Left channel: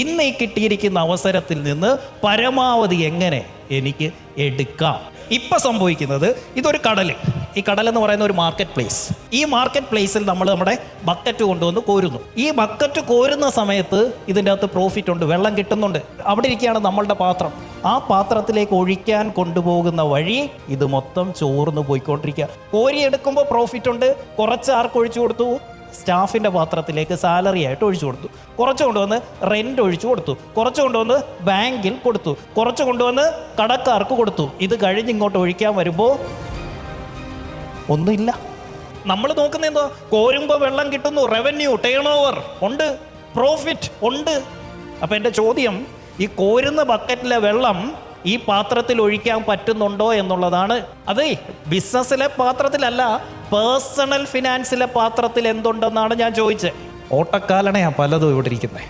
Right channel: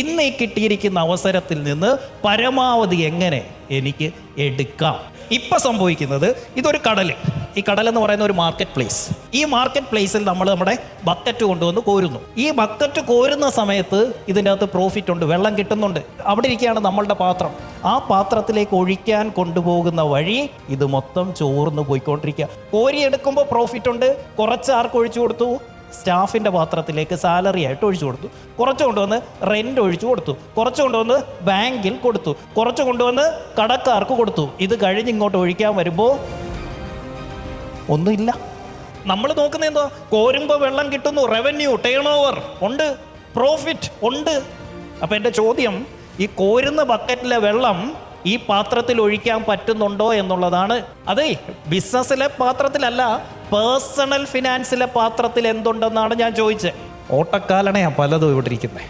ഇന്ന് ഈ കിട്ടിയിരിക്കുന്ന അവസരത്തിൽ നിന്ന് പരമാവധി എങ്ങനെ എനിക്ക് എടുക്കാം. ഇപ്പൊ സംഭവിക്കുന്നത് ഇതൊരു കടല്, ഈ കടൽ എന്ന് പറയുന്ന ഒരു മാർക്കറ്റ് പ്ലേസ്. ഈ മാർക്കറ്റ് പ്ലേസിൽ നമ്മൾ നമ്മുടെ ബക്കറ്റ് കൊണ്ടുവന്ന് കോരുന്നു. ഈ ബക്കറ്റ് കോരുന്ന സമയത്ത് ഇതിൻ്റെ അകത്ത് പ്രോഫിറ്റ് ഉണ്ട്, വെള്ളം കിട്ടുന്നുണ്ട്. അവിടെ ഇരിക്കുകയാണ് നമ്മളുടെ പാത്രം. ആ പാത്രത്തിലേക്ക് ഒഴിക്കാൻ കൊണ്ടുപോകുന്ന വഴി ഇത് മൊത്തം ചോർന്ന് പോയിക്കൊണ്ടിരിക്കുക. കോരി എടുക്കുമ്പോൾ പ്രോഫിറ്റ് ഉണ്ട്. കുറച്ച് ആർക്ക് ഒഴിച്ചു കൊടുത്തു? സ്റ്റാഫിന്റെ പാത്രത്തിലേക്ക് സാലറി ആയിട്ട് ഒഴിച്ചു കൊടുത്തു. കുറച്ച് കൊണ്ടുവന്ന് റെന്റ് ഒഴിച്ചു കൊടുത്തു. കുറച്ച് കൊണ്ടുവന്ന് ബാങ്കിൽ കൊടുത്തു. കുറച്ച് കൊണ്ടുവന്ന് കടക്കാർക്ക് കൊടുത്തു. ഇത് കഴിഞ്ഞ് ഇങ്ങോട്ട് ഒഴിക്കാൻ വരുമ്പോൾ ഒന്നുമില്ല. നമ്മൾ നോക്കുന്ന എന്തോ, കോരുമ്പോ വെള്ളം കിട്ടുന്നു, റവന്യൂ, ടേൺ ഓവർ ഉണ്ട്, പ്രോഫിറ്റ് ഉണ്ട്. അപ്പൊ എന്റെ ചോദ്യം, ഈ കോരുന്ന ബക്കറ്റിലെ വെള്ളം ഈ പാത്രത്തിൽ ഒഴിക്കാൻ പറ്റുന്നുണ്ടോ എന്നുള്ളതാണ്. അതെ, ബിസിനസ്സിലെ പാത്രത്തിലല്ല, പേഴ്സണൽ ഫിനാൻസിലെ പാത്രത്തിൽ എന്തുണ്ടെന്നാണ് ഞാൻ ചോദിച്ചത്. ഓട്ടക്കാലടയാ പലതും ഇവിടെ ഇരിക്കുന്നത്.